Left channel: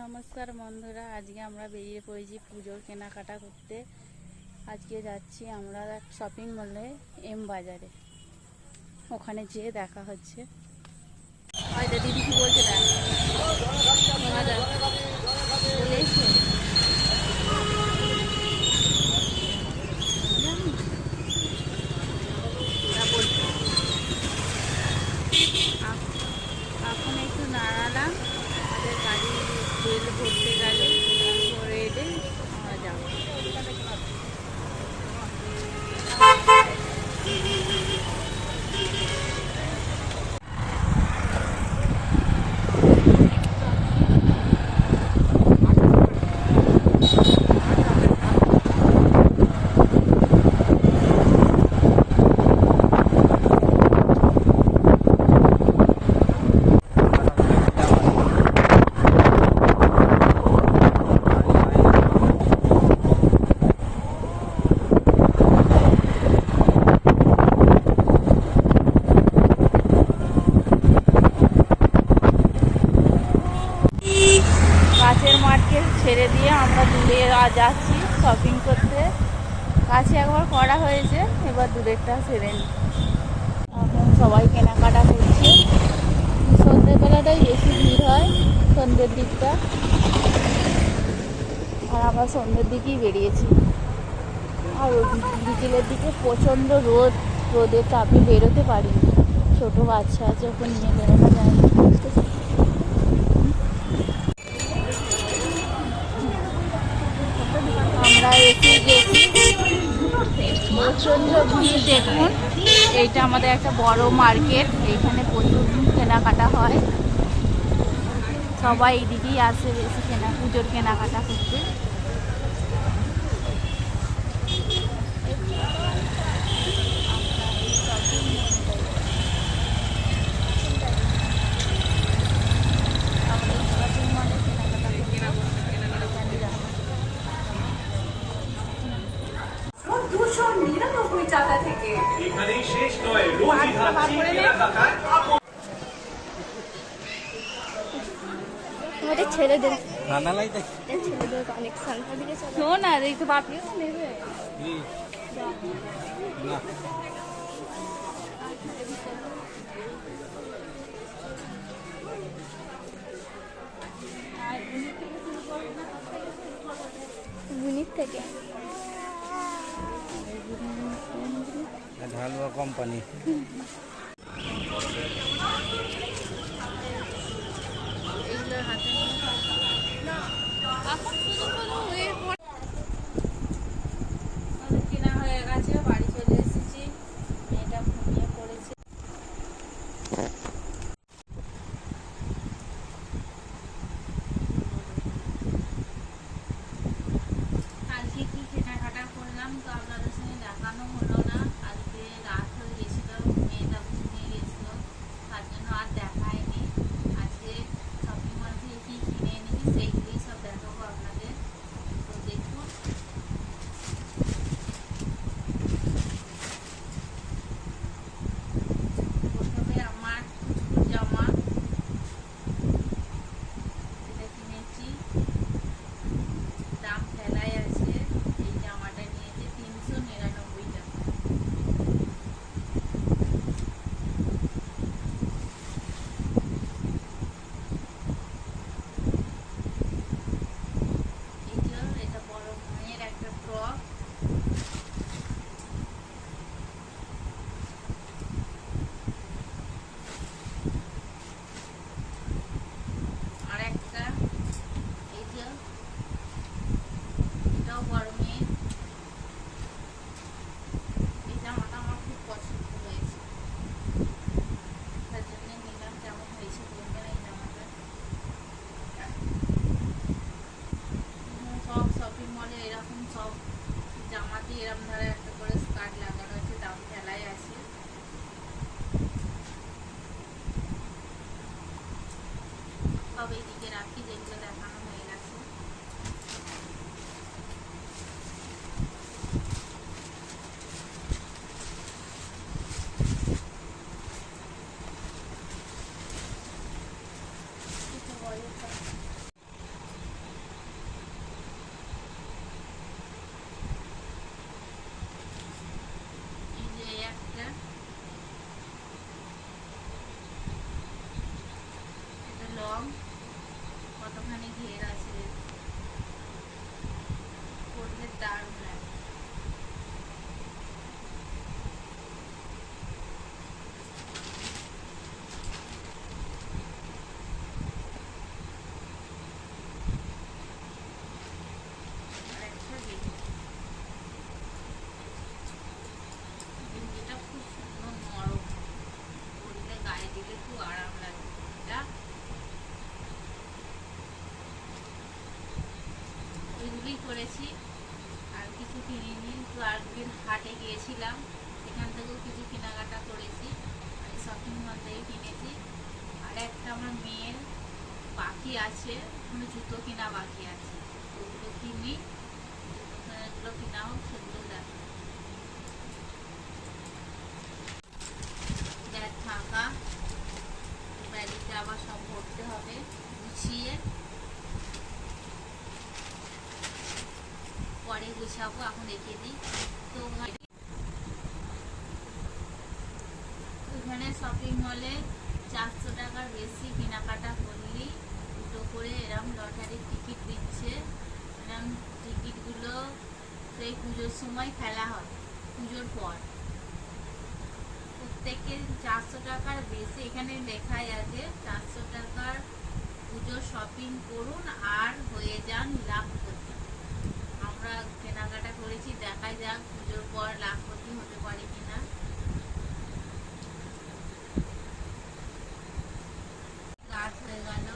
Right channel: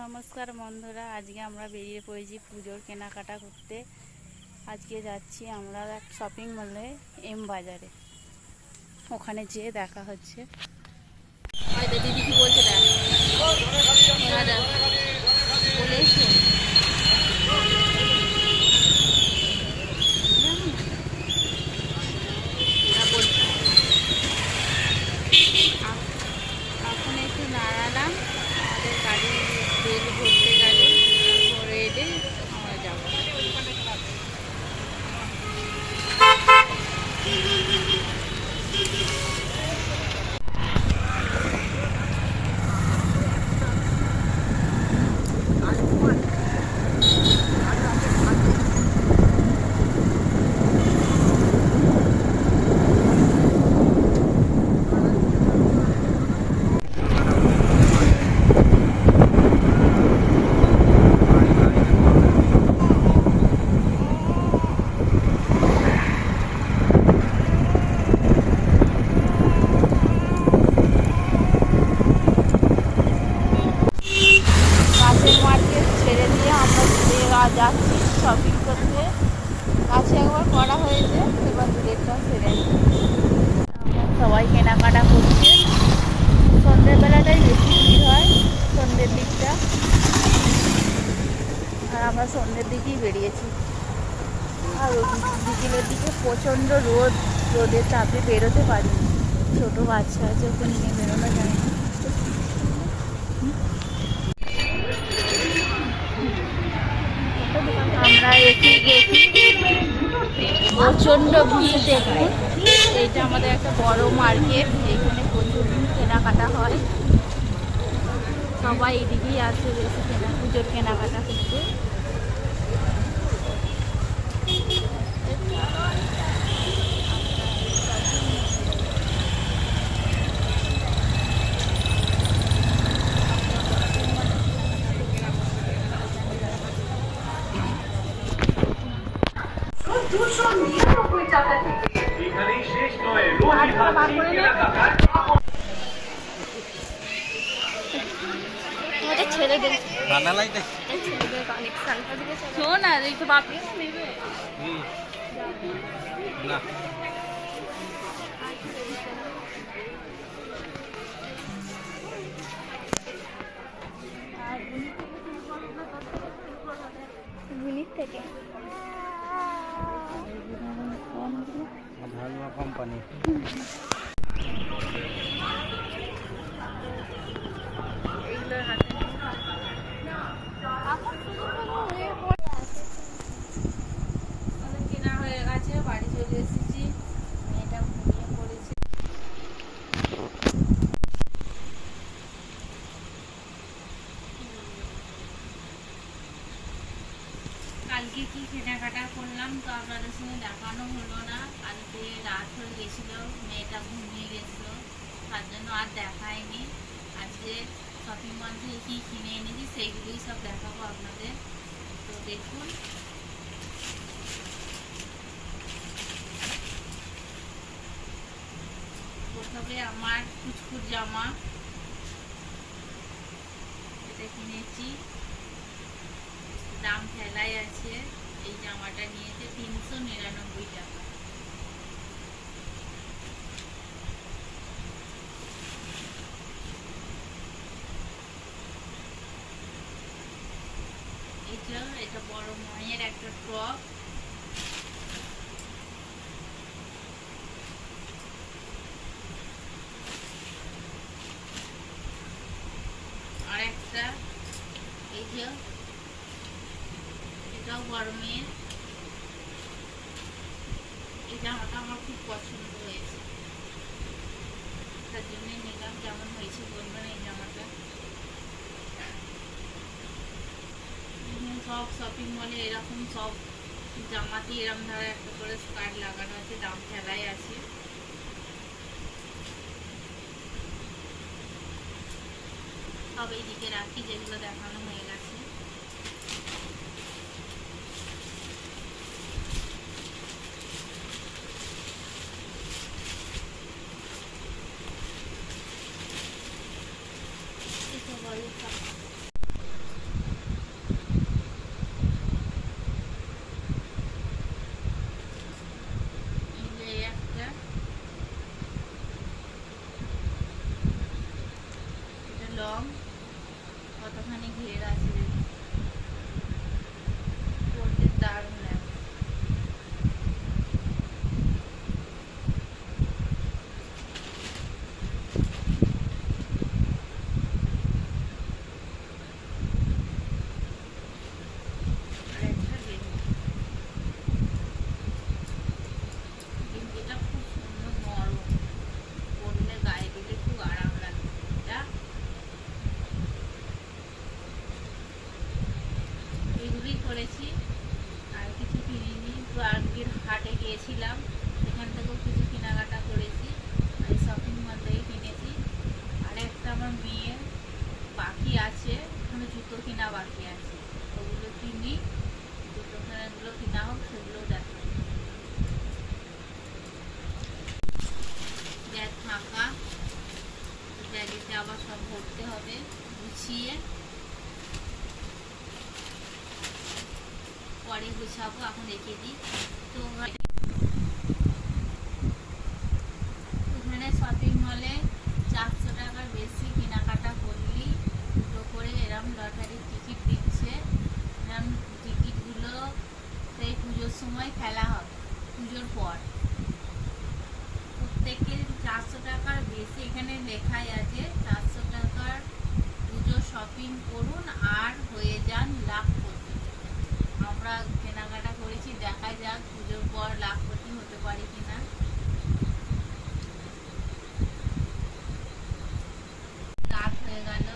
নমস্কার বন্ধুরা, আজকে আমরা বেরিয়ে পড়েছি পুজোর কেনাকাটা করতে। আজকে যাচ্ছি আমরা এক শপিং মলে, এম বাজারে। ওখানে যেয়ে দেখা হচ্ছে। হয়তো দিদি কি বলছে, দাদা বলে এসছে এখন একটু নাড়ালাম, আমাদের গাড়ি তেল ভরতে গেল, তেল ভরে এলে আমরা যাবো। কাছের মার্কেট ছেড়ে দিয়ে আমরা দূরে যাচ্ছি শপিং করতে। কাছে একবার করা হয়েছে, এবার দূরেরটা সেরে এখন সবাই কেনাকাটা করছে। সন্ধ্যেবেলাটাই বেশি ভিড় হয়, সন্ধ্যের দিকটা, আর আমরা সন্ধ্যের দিকেই বেরিয়েছি। আর বিকেলের দিকে প্রচণ্ড রোদের তাপে বেরোতে পারিনি। ছোট বাচ্চা আছে, ওকে নিয়ে বেরোনো যায় না। আমরা এসে গেছি, প্রচণ্ড ভিড়। দেখুন, এইটা আমাদের একটা বড় মার্কেট, এখানে প্রচুর কেনাকাটা হয়। সবাই এদিকেই আসে বেশি পুজোর কেনাকাটা করতে। ছেলেদের কানেকশন শোন, আর এই তো বাকি নেবে না। থেকে কোম্পানি কেনা হয়ে গেছে, বাড়ি চলে এসেছি। এটা ঘুমিয়ে পড়েছে। কালকে কি কেনাকাটা করলাম তো আপনাদের সঙ্গে দেখানো হলো না। কালকে রাত হয়ে গেছিল, মেয়েটা ঘুমিয়ে গেছিল, তার জন্য আর দেখায়নি। আজকে শপিং মল থেকে কি কিনে এনেছি সেইগুলোই সব দেখাবো আপনাদের। তো দেখুন, প্রথমে আমার কুচকুচ জামা, এটা কিনেছি, দাম ফেলাই আছে। এই জামাটা নিয়েছে 399 টাকা। এটা বড় মায়ের একটা টপ, আর একটা এই যে এটাও বড় মেয়ের। এই জামাটা আমার খুব পছন্দ হয়েছে, তার জন্যই নিলাম। কেমন হয়েছে বলবেন এই জামাটা। সব শপিং মলে এরকম সব জামাতে এরকম ধরে একটা করে স্কার্ট লাগানো আছে, দাম ফেলাই আছে। সব এইদিকে রাখি, যেগুলো দেখানো হয়ে গেছে। ঘের আছে, পরলে দারুণ লাগে। এগুলোই করেছি, আর কিছু কিনিনি। তো আজকের হাটে গিয়েছিলাম, সেখান থেকেও কিছু কেনাকাটা করেছি, মানে শপিং মল থেকে কিনেছি। আর একটা আমার মেয়ের বাকি আছে, ওখানে জুতো কেনা বাকি আছে, ওগুলো কিনি। জুতোগুলো কিনা হোক, সেগুলো দেখো। ব্যাগ ফাঁকা, ব্যাগেতে আবার সব ভরতে হবে গুছিয়ে, পরে গুছাবো, এখন রেখে দিই। তো ওখানে শপিং মলে 400 টাকার বেশি কেনাকাটা করলেই দুটো করে এরম লটারির টিকিট দিচ্ছে। এরম টিকিটগুলো সেই পুজোর সময় ফেলা হবে, পুজোর পর। প্রত্যেকের 400 টাকার বেশি, এখানে লেখাই আছে 400 টাকার পুজো শপিং করুন আর হয়ে যান লাখপতি। আমরা কেনাকাটা করেছি, দেখাই যাক পুজোর পর লাখপতি হতে পারি কিনা। রাত হয়ে গেল,